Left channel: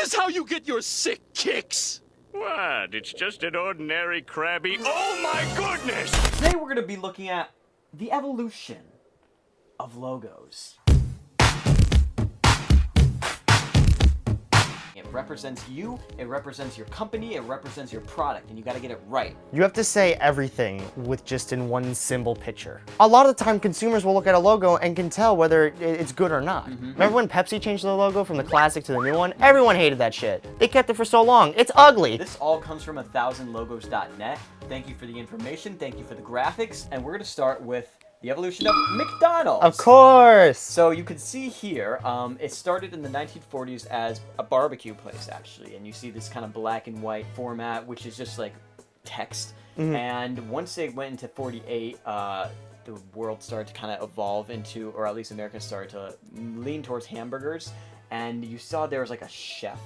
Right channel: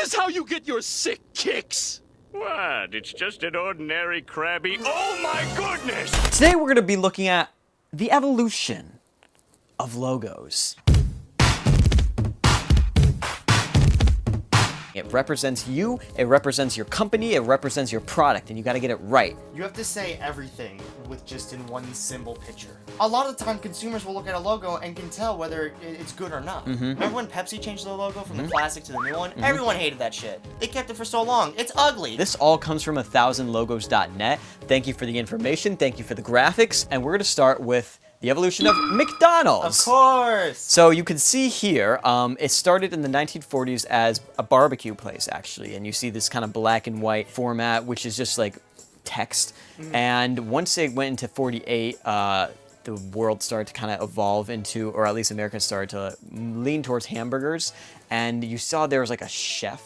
this how you get your sick kicks? What? It's just an ordinary Krabby. Oh my goodness! Today we're going to be looking at the evolution of logos. It represents you, it represents your company, it represents your product, and you gotta get it right. You have to say everything with just in one symbol picture. A lot of the time, consumers will look at a logo and can tell whether it's good or not. Remember when Pepsi changed their logo from the classic to the new one? Everyone hated that shit. They kept it for so long. It's ugly. This all comes from 1000logos.net. Thank you for the information, thank you for the graphics, and we're gonna start with the evolution of McDonald's. Of course. So you can see here, it started in the 1940s as a barbecue place, actually. And you see this kind of black and white format, which is just like text. And once they went into 48, the world started to kind of evolve into, or at least Americans started to lean towards hamburgers. And you saw there was like a chef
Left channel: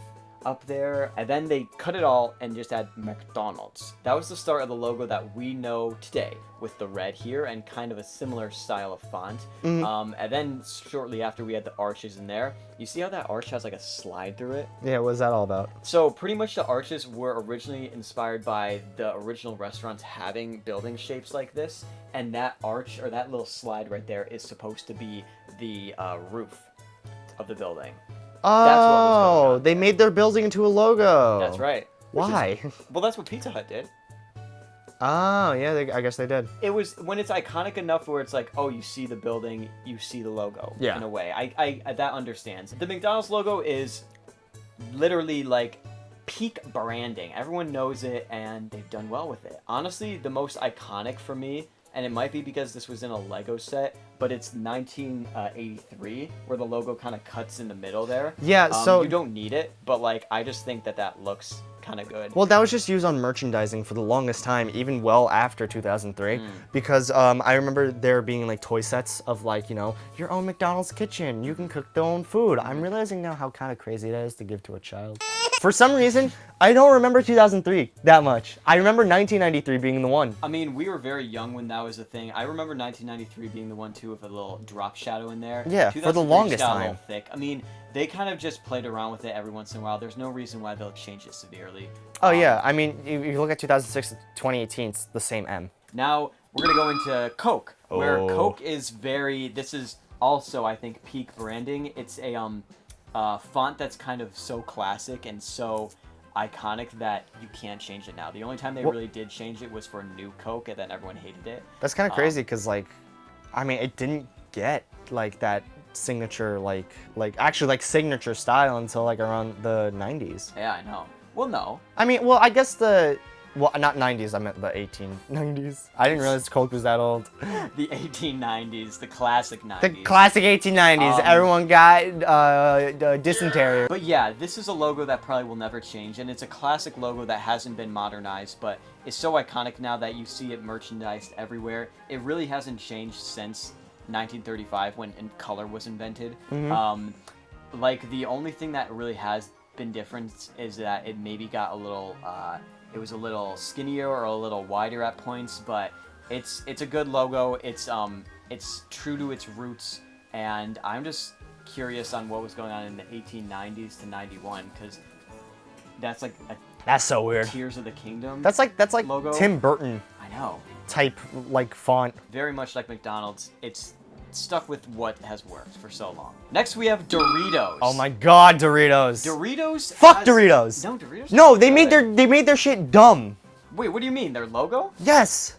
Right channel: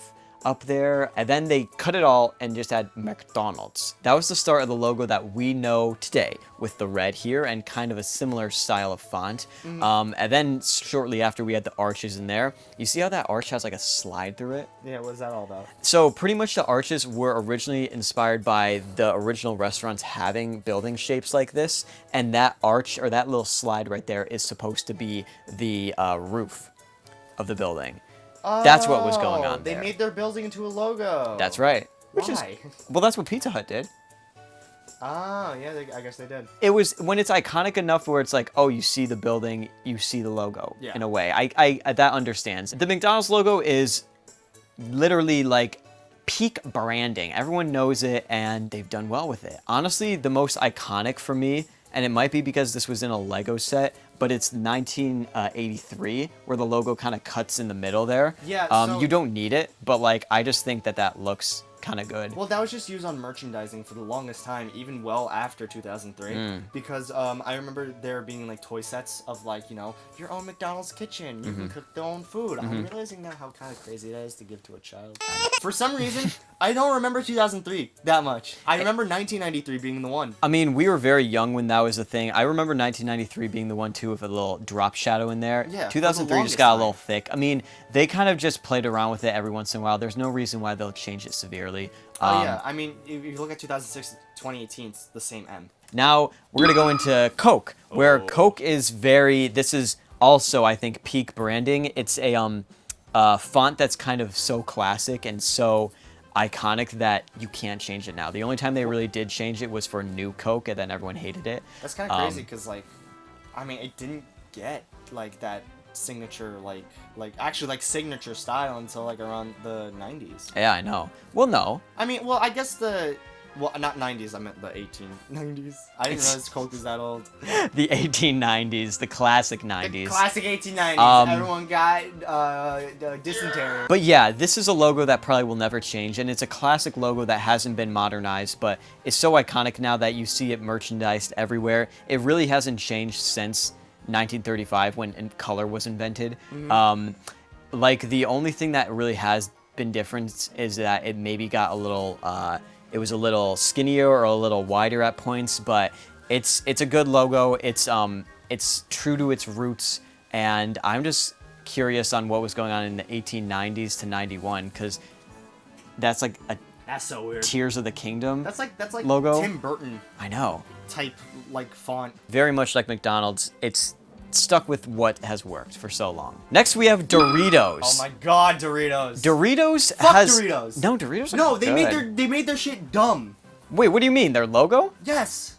up there, and then they cut it all and just had McDonald's. That was the start of the logo that we know today, with the red here and kind of a similar style of font. And then shortly after, we had the arches in there. You see how that arch has like a slide through it? Yeah, what's that all about? So pretty much the arches were originally inspired by the original restaurants having building shapes like this, and that arch, or that little slide right there, is supposed to be the roof of the building. That's what was going on. They made their building into a logo. That's right. Why? Well, that's what Pizza Hut did. Oh, yeah, I guess they did. It was when it's iconic enough where it's like, oh, you see the building, you see the logo. Yeah. In a way, I that understands. The McDonald's logo is literally like peak branding. Everyone knows it, and they've done well with it. Honestly, the most iconic for me, and it might be because this was in a Lego set, but it's 1983, where the logo kind of cuts in the middle there. Yeah, so you don't need it, but like I just think that looks kind of good. Well, that was just used on merchandising for the longest time, even well after 2003, because I remember there being like toy sets of like, you know, your own McDonald's kitchen, you can cook their own food. I'm realizing now how kind of crazy it is to give to a child. For some reason, I don't remember 2003 that much. I remember 1993 being the one. I mean, we were very young when that was a thing. I remember 1993 being the one too, with a little drop shadow in there. Yeah, 2003 just got a little thick. I mean, they kind of just played around with it every once in a while. There's no reason why they'll change it severely. Oh yeah, I mean, if you look at 2006 to 2018, it's the same M. Now, we're gonna go into Coke, where Coke is this is also, I think, peak branding. It's a font that's kind of so classic and so iconic that you can't change it now. The only time they really did change it was for New Coke, and then everyone hated it. That's kind of crazy, because like, I mean, it didn't get like that signature, actually like signature style until like around the 90s. Yeah, I know. Well, no. I mean, well, I guess well, not 90s, I meant the 1890s. I didn't realize Coke was that old. The 1890s, the classic 90s. The classic 1890s. Everyone got dysentery. But yeah, this is a logo that probably will never change, and it's a classic logo that hasn't been modernized, but it's so iconic now that you see it merchandised everywhere. It really hasn't changed since 1935 when color was invented. Like, the only thing that really has been different is that it maybe got a little it was a little skinnier or a little wider at points, but it's a good logo. It's true to its roots, and I'm just curious on what was going on in the 1890s to 91, because that's like that's so weird. Tears of the Kingdom. That's like logo. Tim Burton. I know. Type like font. Very much like McDonald's. It's stuck with what has worked for so long. Next, we have Doritos. Oh my God, Doritos. Doritos. Fuck Doritos. No, Doritos. No, they made their shit dumb. Wait, what do you mean? Their logo? Yes.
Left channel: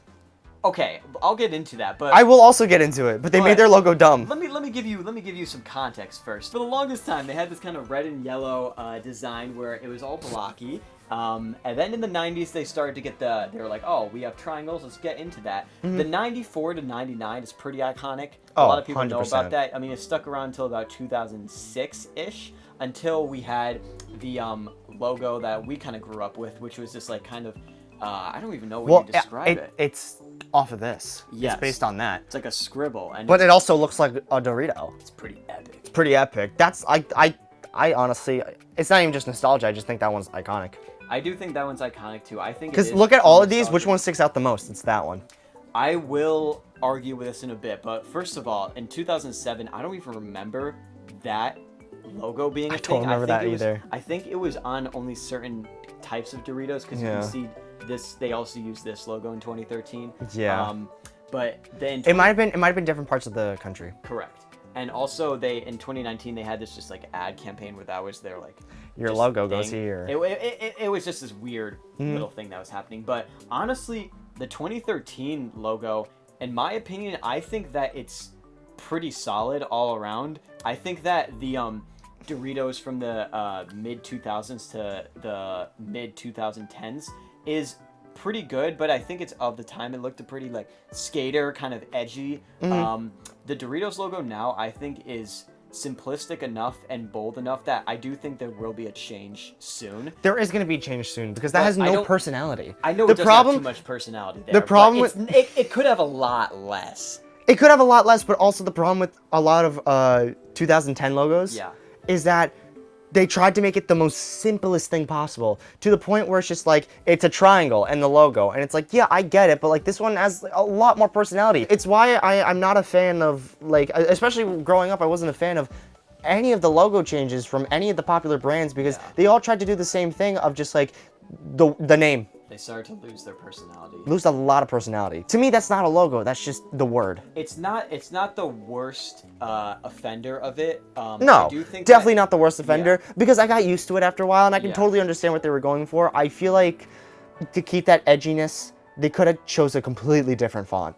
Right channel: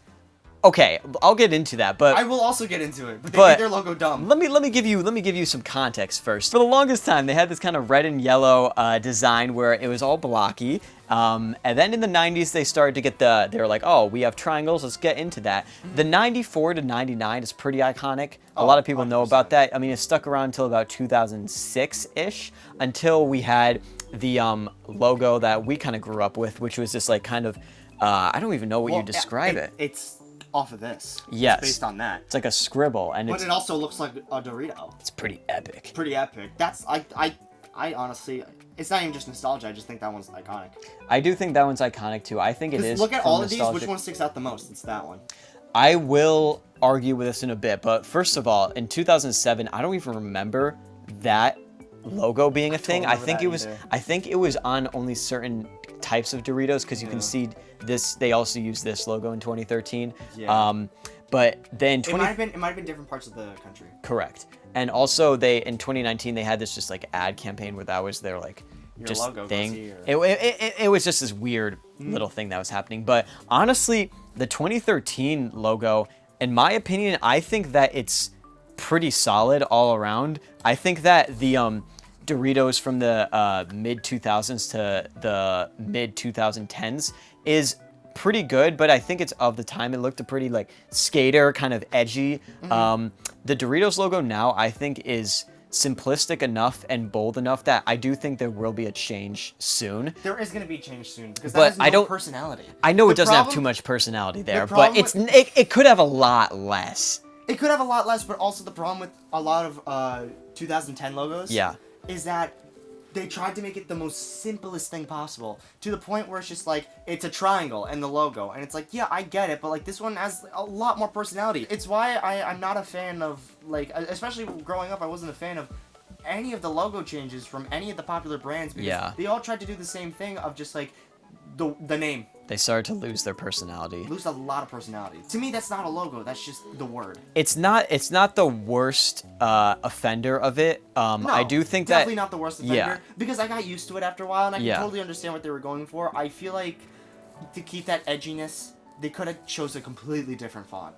Okay, I'll get into that, but I will also get into it. But they made their logo dumb. Let me give you some context first. For the longest time, they had this kind of red and yellow design where it was all blocky. And then in the 90s, they started to get they were like, oh, we have triangles, let's get into that. The 94 to 99 is pretty iconic. A lot of people know about that. I mean, it stuck around until about 2006-ish, until we had the logo that we kind of grew up with, which was this like kind of, I don't even know what you describe it. It's off of this. Yes. It's based on that. It's like a scribble. But it also looks like a Dorito. It's pretty epic. Pretty epic. That's, I honestly, it's not even just nostalgia, I just think that one's iconic. I do think that one's iconic too. I think it is. Because look at all of these, which one sticks out the most? It's that one. I will argue with this in a bit, but first of all, in 2007, I don't even remember that logo being a thing. remember that either. I think it was on only certain types of Doritos because you can see this. They also used this logo in 2013. Yeah. But then It might have been different parts of the country. correct. And also in 2019 they had this just like ad campaign where that was their like Your just logo goes thing. here. It was just this weird little thing that was happening. But honestly, the 2013 logo, in my opinion, I think that it's pretty solid all around. I think that the Doritos from the mid 2000s to the mid 2010s is pretty good, but I think it's of the time. It looked a pretty like skater, kind of edgy. The Doritos logo now, I think, is simplistic enough and bold enough that I do think there will be a change soon. There is going to be change soon because that But has I no don't- personality. I know it doesn't have too much personality there, problem but it could have a lot less. It could have a lot less, but also the problem with a lot of 2010 logos is that they tried to make it the most simplest thing possible to the point where it's just like, it's a triangle and the logo. And it's like, yeah, I get it, but like this one has a lot more personality. It's why I'm not a fan of like, especially growing up, I wasn't a fan of any of the logo changes from any of the popular brands because they all tried to do the same thing of just like the name. They started to lose their personality. Lose a lot of personality. To me, that's not a logo. That's just the word. It's not the worst offender of it. No, I do think definitely that, not the worst offender because I got used to it after a while and I can Yeah. totally understand what they were going for. I feel like to keep that edginess, they could have chose a completely different font.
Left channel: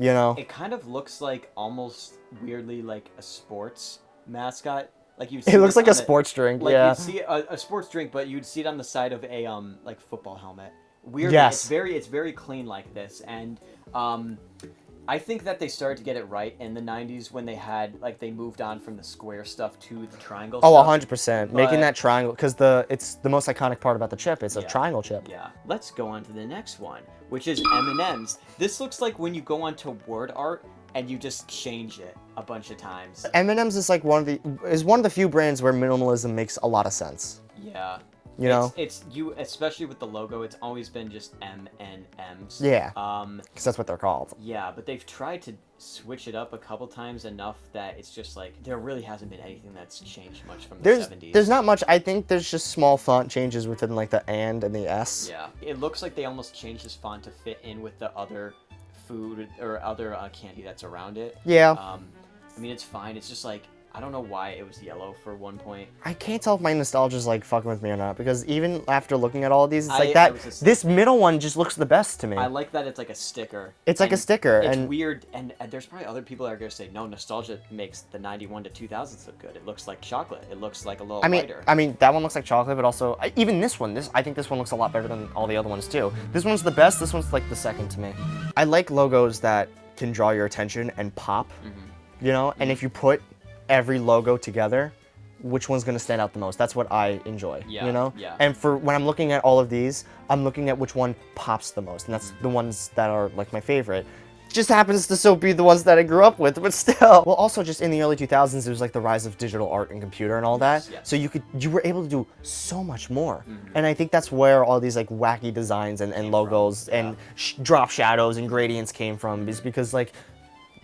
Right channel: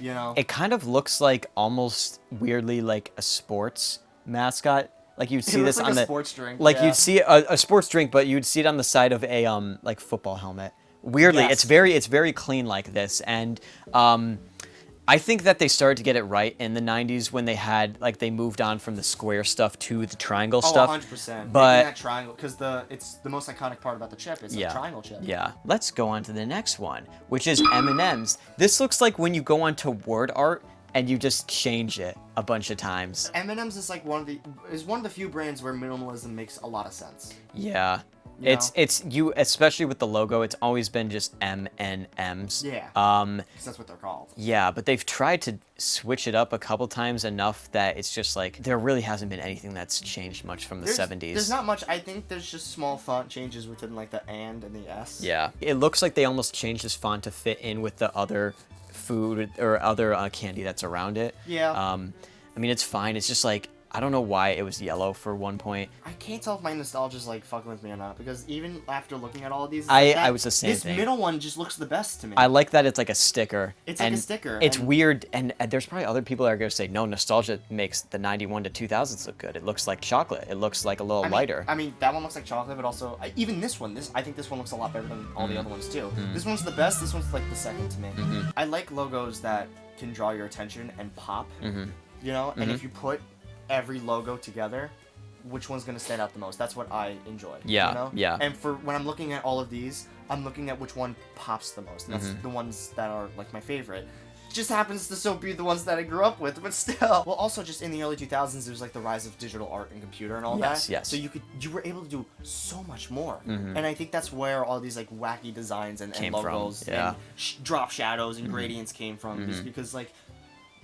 You know? It kind of looks like almost weirdly like a sports mascot. Like you'd see It looks this like on a the- sports drink. Like yeah. you'd see a sports drink, but you'd see it on the side of a like football helmet. Weirdly, Yes. it's very clean like this, and I think that they started to get it right in the 90s when they had like they moved on from the square stuff to the triangle Oh, stuff. 100%. But- Making that triangle, because it's the most iconic part about the chip. It's a triangle chip. Yeah. Let's go on to the next one, which is M&M's. This looks like when you go onto word art and you just change it a bunch of times. M&M's is like one of the few brands where minimalism makes a lot of sense. Yeah. You know? It's you, especially with the logo, it's always been just M&M's. Yeah. Because that's what they're called. Yeah, but they've tried to switch it up a couple times enough that it's just like there really hasn't been anything that's changed much from the 70s. There's not much. I think there's just small font changes within like the and the S. Yeah. It looks like they almost changed this font to fit in with the other food or other candy that's around it. Yeah. I mean, it's fine. It's just like, I don't know why it was yellow for one point. I can't tell if my nostalgia's like fucking with me or not because even after looking at all of these, it's I like that. was the same This thing. middle one just looks the best to me. I like that it's like a sticker. It's like a and sticker, It's and- weird, and there's probably other people that are gonna say, no, nostalgia makes the 91 to 2000s look good. It looks like chocolate. It looks like a little lighter. I mean, that one looks like chocolate, but also even this one. I think this one looks a lot better than all the other ones too. This one's the best. This one's like the second to me. I like logos that can draw your attention and pop. You know, and if you put every logo together, which one's gonna stand out the most? That's what I enjoy. Yeah, You know. yeah. And for when I'm looking at all of these, I'm looking at which one pops the most, and that's the ones that are like my favorite. Just happens to so be the ones that I grew up with, but still. Well, also just in the early 2000s, there was like the rise of digital art and computer and all Yes, that. yes. So you were able to do so much more. And I think that's where all these like wacky designs and Came logos from, yeah. and drop shadows and gradients came from, just because like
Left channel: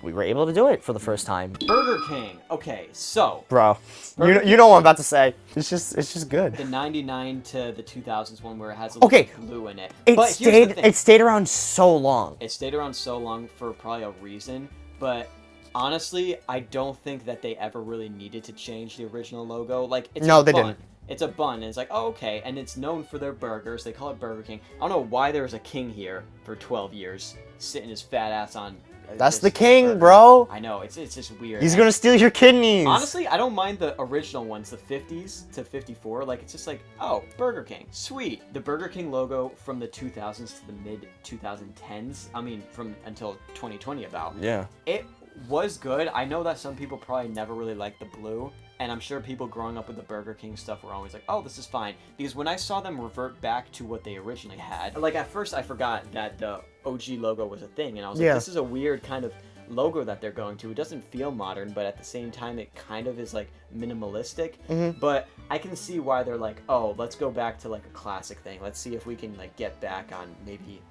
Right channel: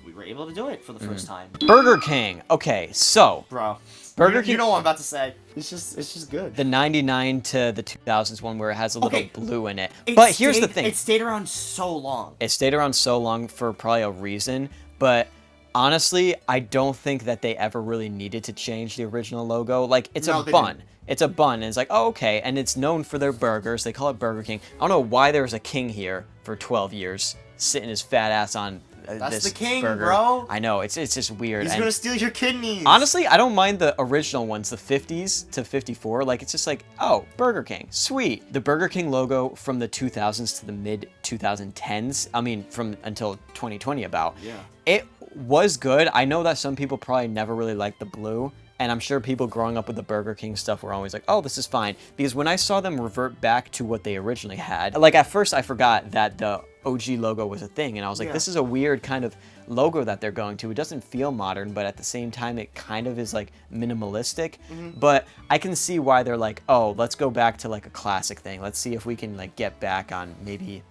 we were able to do it for the first time. Burger King. Okay, so Bro, Burger you know what I'm about to say. It's just good. the 99 to the 2000s one where it has a little Okay. blue in it. It But stayed, here's the thing. It stayed around so long. It stayed around so long for probably a reason, but honestly, I don't think that they ever really needed to change the original logo. Like, it's No, a they bun. didn't. It's a bun, and it's like, oh, okay, and it's known for their burgers. They call it Burger King. I don't know why there was a king here for 12 years, sitting his fat ass on That's this the king, burger. bro. I know, it's just weird. He's and gonna steal your kidneys. honestly, I don't mind the original ones, the 50s to 54. Like, it's just like, oh, Burger King, sweet. The Burger King logo from the 2000s to the mid 2010s, I mean, from until 2020 about. Yeah. It was good. I know that some people probably never really liked the blue, and I'm sure people growing up with the Burger King stuff were always like, oh, this is fine. Because when I saw them revert back to what they originally had, like at first I forgot that the OG logo was a thing, and I was like, Yeah. this is a weird kind of logo that they're going to. It doesn't feel modern, but at the same time, it kind of is like minimalistic. But I can see why they're like, oh, let's go back to like a classic thing. Let's see if we can like get back on maybe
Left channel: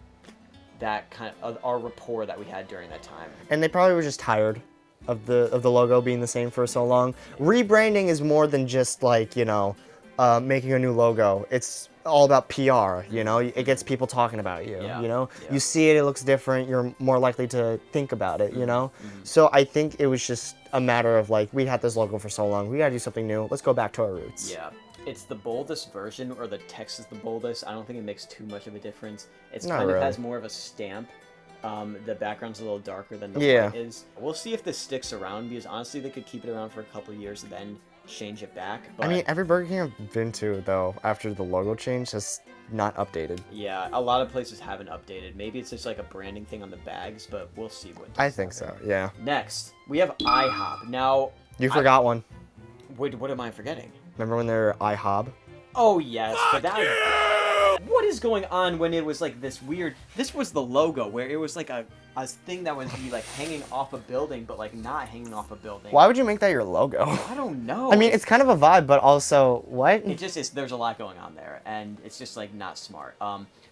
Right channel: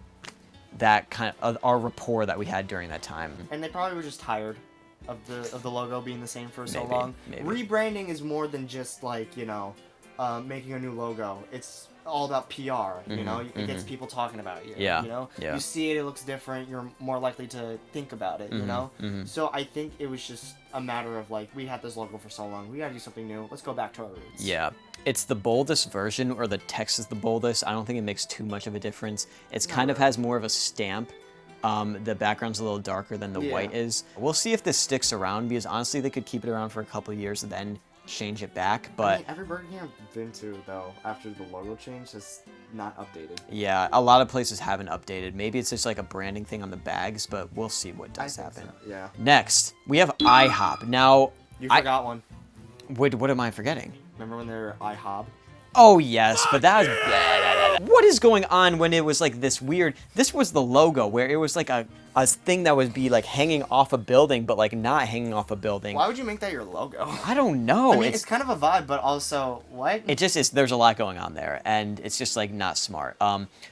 that kind of our rapport that we had during that time. And they probably were just tired of the logo being the same for so long. Rebranding is more than just like, you know, making a new logo. It's all about PR, you know? It gets people talking about you, you know? You see it, it looks different, you're more likely to think about it, you know? So I think it was just a matter of like, we had this logo for so long, we gotta do something new, let's go back to our roots. Yeah. It's the boldest version, or the text is the boldest. I don't think it makes too much of a difference. It's kind of has more of a stamp. The background's a little darker than the white is. We'll see if this sticks around, because honestly, they could keep it around for a couple of years and then change it back. But I mean, every Burger King I've been to, though, after the logo change, has not updated. Yeah, a lot of places haven't updated. Maybe it's just like a branding thing on the bags, but we'll see what does I think happen. so, yeah. Next, we have IHOP. Now, You forgot one. what am I forgetting? Remember when they were IHOB? Oh, yes, but that was... What is going on when it was like this weird... This was the logo, where it was like a thing that would be like hanging off a building, but like not hanging off a building. Why would you make that your logo? I don't know. I mean, it's kind of a vibe, but also, what? It just is, there's a lot going on there, and it's just like not smart.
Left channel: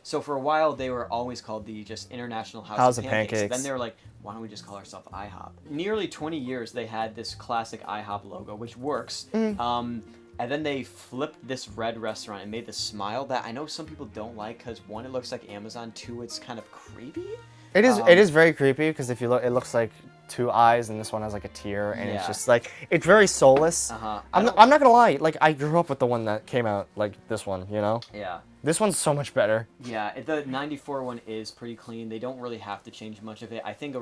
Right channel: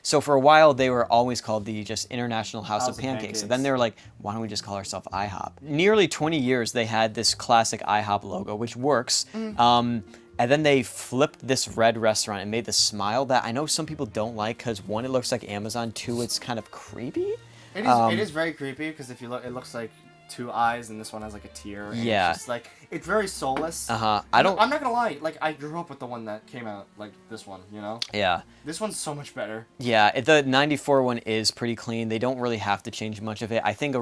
So for a while, they were always called the just International House of Pancakes. Then they were like, why don't we just call ourselves IHOP? Nearly 20 years, they had this classic IHOP logo, which works. And then they flipped this red restaurant and made the smile that I know some people don't like, because one, it looks like Amazon, two, it's kind of creepy. It is. It is very creepy, because if you look, it looks like two eyes, and this one has like a tear, and it's just like, it's very soulless. I'm not gonna lie, like I grew up with the one that came out, like this one, you know? Yeah. This one's so much better. Yeah, the 94 one is pretty clean. They don't really have to change much of it. I think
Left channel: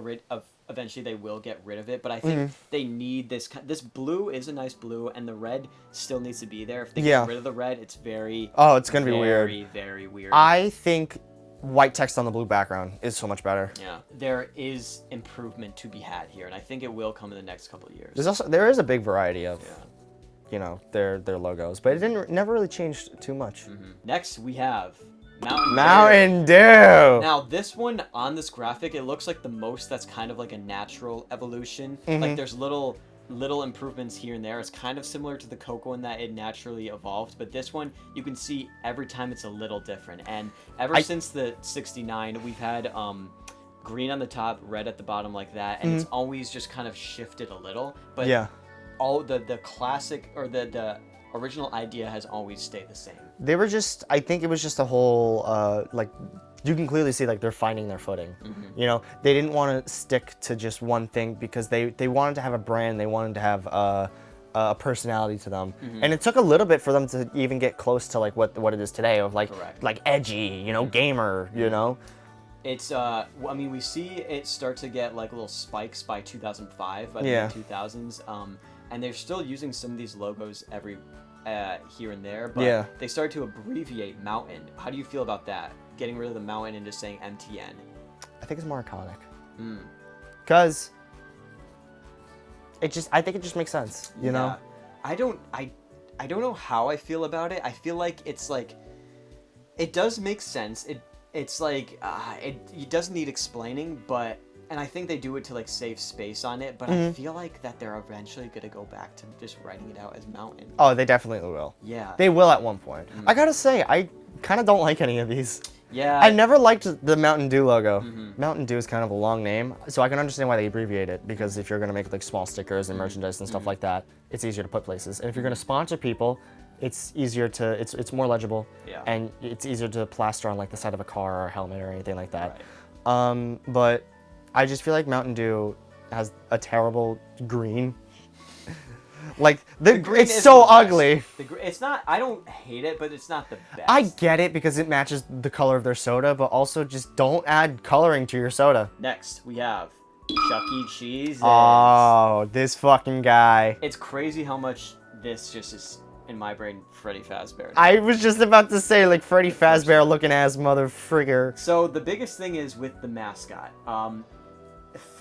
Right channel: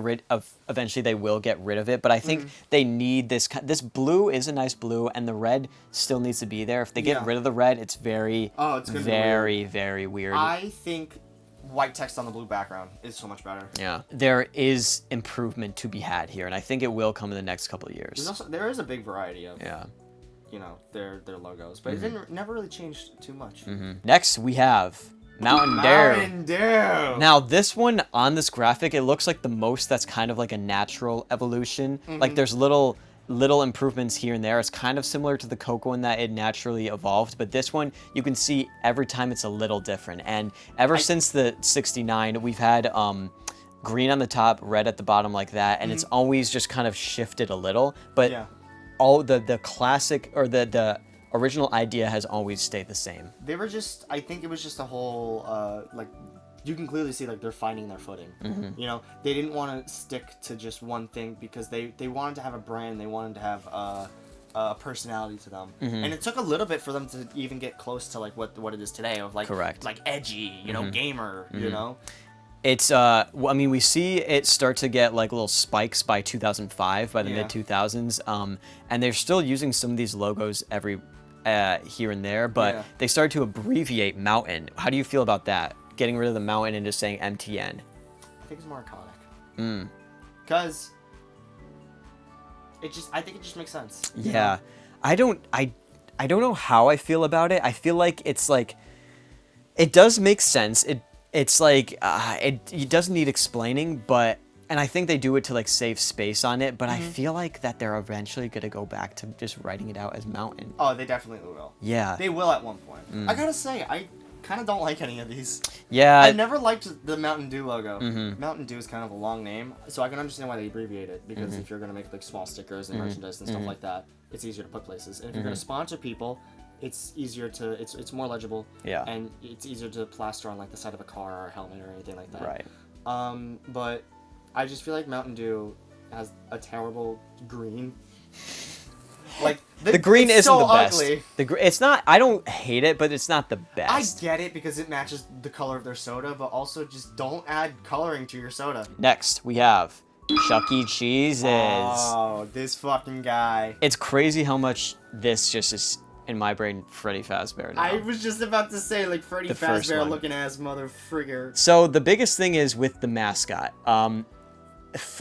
eventually they will get rid of it, but I think they need this. This blue is a nice blue, and the red still needs to be there. If they get rid of the red, it's very... Oh, it's gonna be weird. Very, very weird. I think white text on the blue background is so much better. Yeah, there is improvement to be had here, and I think it will come in the next couple of years. There is a big variety of, you know, their logos, but it never really changed too much. Next, we have Mountain Dew. Now, this one on this graphic, it looks like the most that's kind of like a natural evolution. Like there's little improvements here and there. It's kind of similar to the Coke one that it naturally evolved, but this one, you can see every time it's a little different. And ever since the 69, we've had green on the top, red at the bottom like that, and it's always just kind of shifted a little. But all the classic, or the original idea has always stayed the same. They were just, I think it was just a whole, like, you can clearly see like they're finding their footing. You know, they didn't want to stick to just one thing, because they wanted to have a brand, they wanted to have a personality to them. And it took a little bit for them to even get close to like what it is today, of like, like edgy, you know, gamer, you know? It's, I mean, we see it start to get like little spikes by 2005, by the mid 2000s. And they're still using some of these logos here and there, but they started to abbreviate Mountain. How do you feel about that? Getting rid of the mountain and just saying MTN. I think it's more iconic. Because I think it just makes sense. You know? I don't know how I feel about it. I feel like it's like, it does make sense. It's like, it doesn't need explaining, but, and I think they do it to like save space on it, but I feel like that they're eventually gonna go back to just writing it out as Mountain. Oh, they definitely will. Yeah. They will at one point. I gotta say, I kind of don't like any of these. Yeah. I never liked the Mountain Dew logo. Mountain Dew is kind of a long name, so I can understand why they abbreviate it, because if you're gonna make like small stickers and merchandise and stuff like that, it's easier to put places. And if you're gonna sponsor people, it's easier to, it's more legible. Yeah. And it's easier to plaster on like the side of a car or a helmet or anything like that. Right. But I just feel like Mountain Dew has a terrible green. Like the green is so ugly. It's not. I don't hate it, but it's not the best. I get it because it matches the color of their soda, but also just don't add coloring to your soda. Next, we have Chuck E. Cheese's. Oh, this fucking guy. It's crazy how much this just is in my brain. Freddy Fazbear. I was just about to say like Freddy Fazbear looking ass mother frigger. So the biggest thing is with the mascot.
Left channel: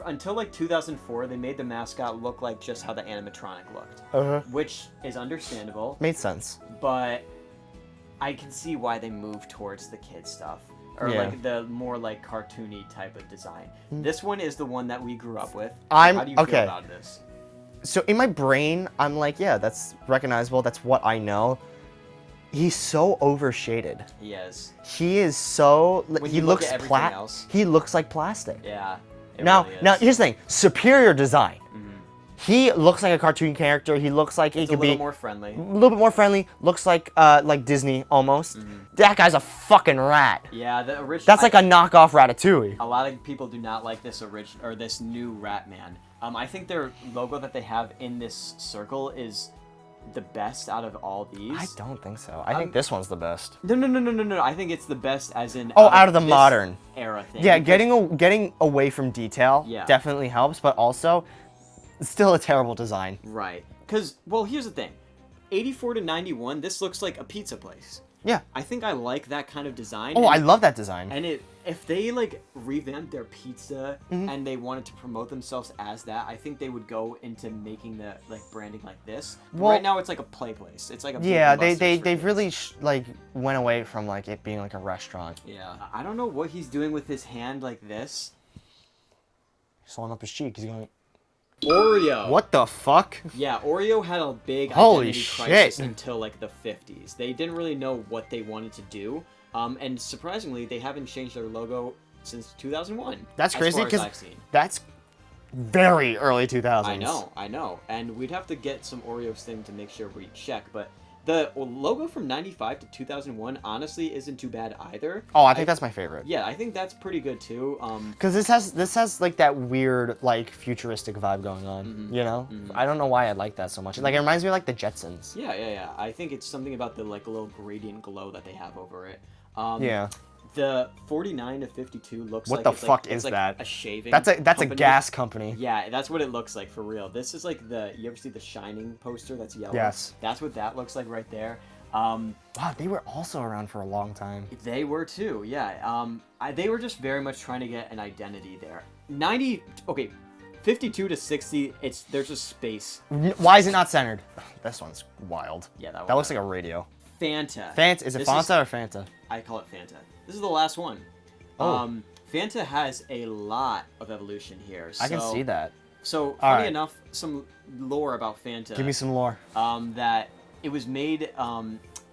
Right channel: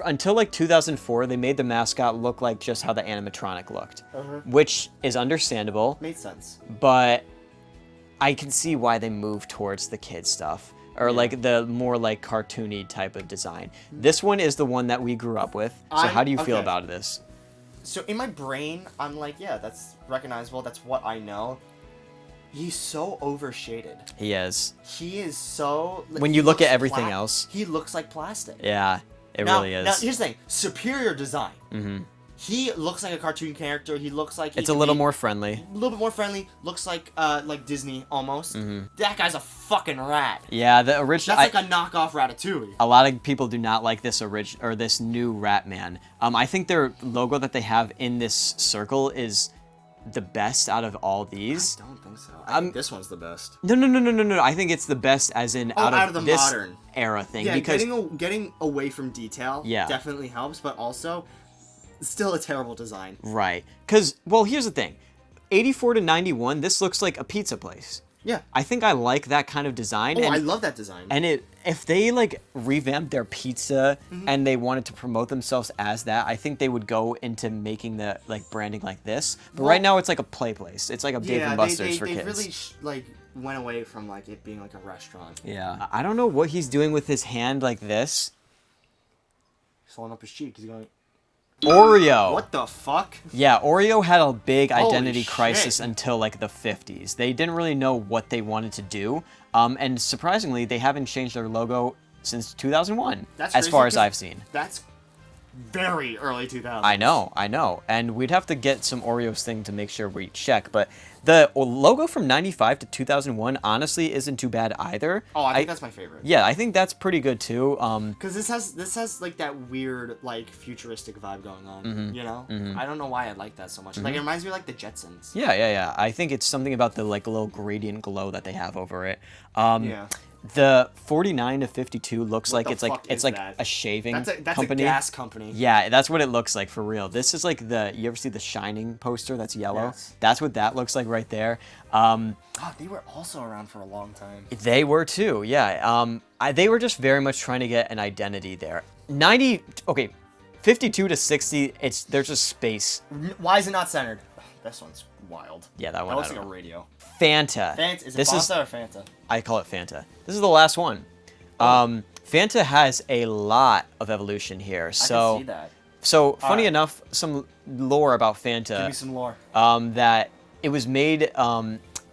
Until like 2004, they made the mascot look like just how the animatronic looked, which is understandable. Made sense. But I can see why they moved towards the kid stuff, or like the more like cartoony type of design. This one is the one that we grew up with. So how do you feel about this? So in my brain, I'm like, yeah, that's recognizable. That's what I know. He's so overshaded. He is. He is so... When you look at everything else. He looks like plastic. Yeah. It now, really is. Now, here's the thing. Superior design. He looks like a cartoon character. He looks like It's a little more friendly. A little bit more friendly. Looks like Disney almost. That guy's a fucking rat. Yeah, the original. That's like a knockoff Ratatouille. A lot of people do not like this this new Ratman. I think their logo that they have in this circle is the best out of all these. I don't think so. I think this one's the best. No. I think it's the best as in out of the this modern era thing. Yeah, because- getting away from detail Yeah. definitely helps, but also it's still a terrible design. Right. Because, well, here's the thing. 84 to 91, this looks like a pizza place. Yeah. I think I like that kind of design. Oh, I love that design. And if they like revamped their pizza and they wanted to promote themselves as that, I think they would go into making the like branding like this. But right now it's like a play place. It's like a Dave and Buster's for they kids. really like went away from like it being like a restaurant. Yeah. I don't know what he's doing with his hand like this. Swelling up his cheek. He's going. Oreo. What the fuck? Yeah, Oreo had a big Holy identity crisis shit. until like the 50s. They didn't really know what they wanted to do. And surprisingly, they haven't changed their logo since 2001. That's as crazy, far as 'cause I've seen. That's very early 2000s. I know. And we'd have to get some Oreos thing to make sure we check. But the logo from 95 to 2001 honestly isn't too bad either. Oh, I think that's my favorite. Yeah, I think that's pretty good too. Because this has like that weird like futuristic vibe going on. You know, I don't know why I like that so much. Like it reminds me of like the Jetsons. Yeah. I think it's something about the like little gradient glow that they have over it. Yeah. The 49 to 52 looks What like the it's fuck like is it's like that? a shaving. That's a company. gas company. Yeah, that's what it looks like for real. This is like you ever see the Shining poster that's yellow? Yes. That's what that looks like right there. Oh, they were also around for a long time. They were too, yeah. They were just very much trying to get an identity there. 52 to 60, there's just space. Why is it not centered? This one's wild. Yeah, that one. That looks like a radio. Fanta. Is it Fanta or Fanta? I call it Fanta. This is the last one. Fanta has a lot of evolution here. I can see that. So funny right. enough, some lore about Fanta. Give me some lore. That it was made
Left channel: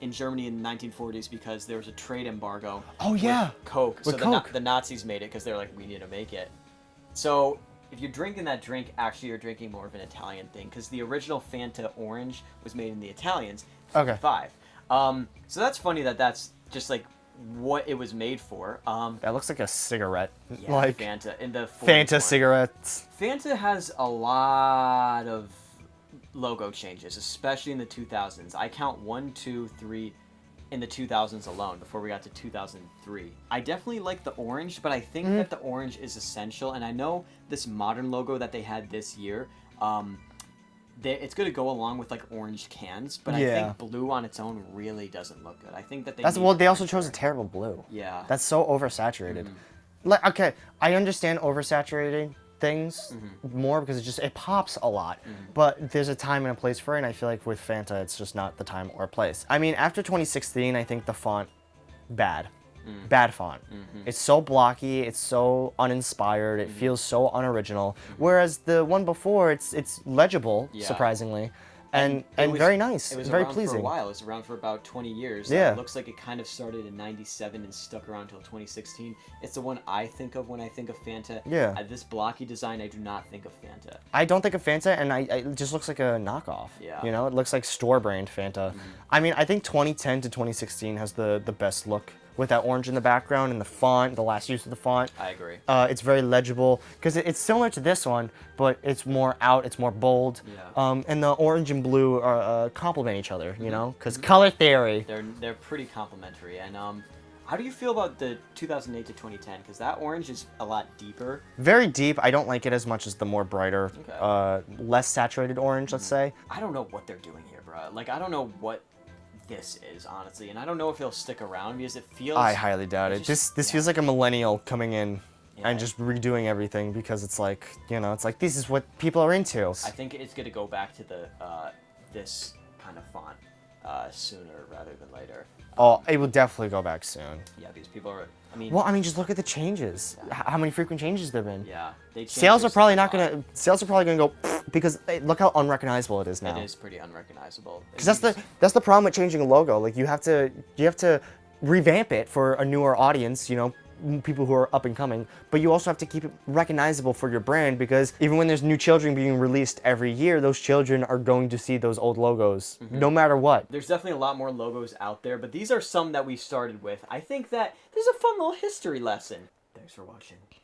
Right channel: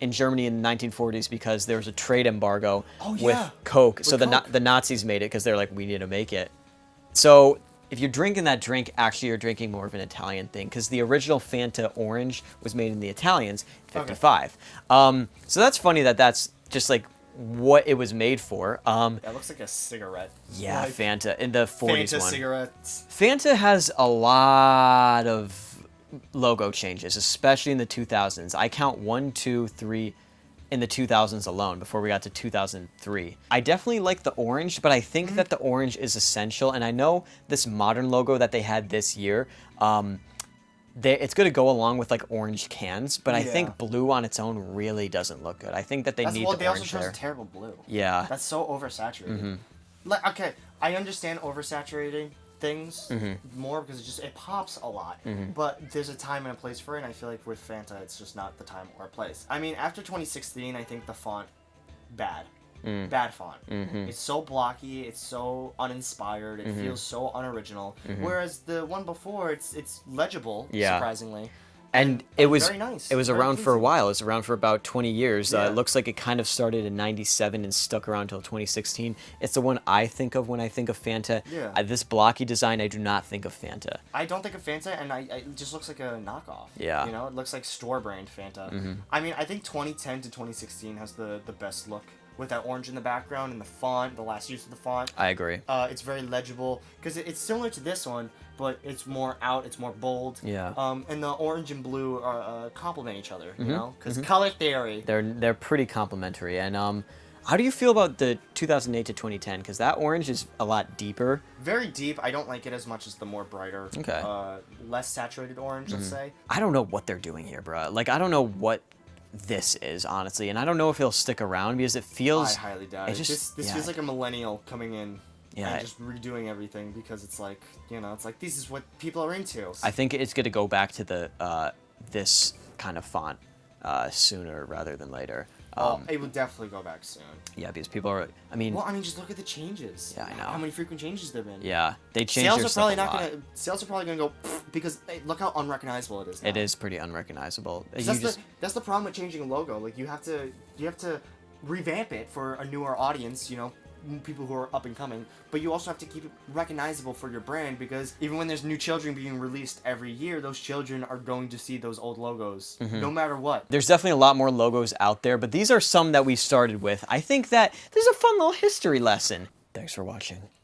in Germany in the 1940s because there was a trade embargo with Coke. So the Nazis made it because they're like, we need to make it. So if you're drinking that drink, actually you're drinking more of an Italian thing because the original Fanta Orange was made in the Italians, 55. So that's funny that that's just like what it was made for. That looks like a cigarette. Yeah, like Fanta in the 40s Fanta one. cigarettes. Fanta has a lot of logo changes, especially in the 2000s. I count 1, 2, 3 in the 2000s alone before we got to 2003. I definitely like the orange, but I think that the orange is essential. And I know this modern logo that they had this year, it's going to go along with like orange cans, but I think blue on its own really doesn't look good. I think that they need Well, they also orange chose there. a terrible blue. Yeah. That's so oversaturated. Like, okay, I understand oversaturating things more because it pops a lot. But there's a time and a place for it, and I feel like with Fanta, it's just not the time or place. I mean, after 2016, I think the font, bad. Bad font. It's so blocky, it's so uninspired, it feels so unoriginal. Whereas the one before, it's legible, surprisingly. And it was very nice. It was very around for a pleasing. while. It was around for about 20 years. Yeah. It looks like it kind of started in 97 and stuck around until 2016. It's the one I think of when I think of Fanta. Yeah. This blocky design, I do not think of Fanta. I don't think of Fanta, and it just looks like a knockoff. Yeah. You know, it looks like store-brand Fanta. I mean, I think 2010 to 2016 has the best look with that orange in the background and the font, the last use of the font. I agree. It's very legible because it's similar to this one, but it's more out, it's more bold. Yeah. And the orange and blue are complement each other, you know, because color theory. They're pretty complementary. And how do you feel about the 2008 to 2010? Because that orange is a lot deeper. Very deep. I don't like it as much as the more brighter, less saturated orange, let's say. I don't know what they're doing here, bro. Like, I don't know what this is, honestly, and I don't know if it'll stick around because it feels... I highly doubt it. This feels like a millennial coming in and just redoing everything because it's like, you know, it's like this is what people are into. I think it's going to go back to the this kind of font sooner rather than later. It will definitely go back soon. Yeah, because people are... I mean... Well, I mean, just look at the changes. Yeah, How many frequent changes there've been. Yeah, they changed Sales their are probably stuff a not lot. gonna. Sales are probably gonna go because look how unrecognizable it is now. It is pretty unrecognizable. 'Cause that's the problem with changing a logo. Like you have to revamp it for a newer audience. You know, people who are up and coming, but you also have to keep it recognizable for your brand, because even when there's new children being released every year, those children are going to see those old logos no matter what. There's definitely a lot more logos out there, but these are some that we started with. I think that there's a fun little history lesson. Thanks for watching.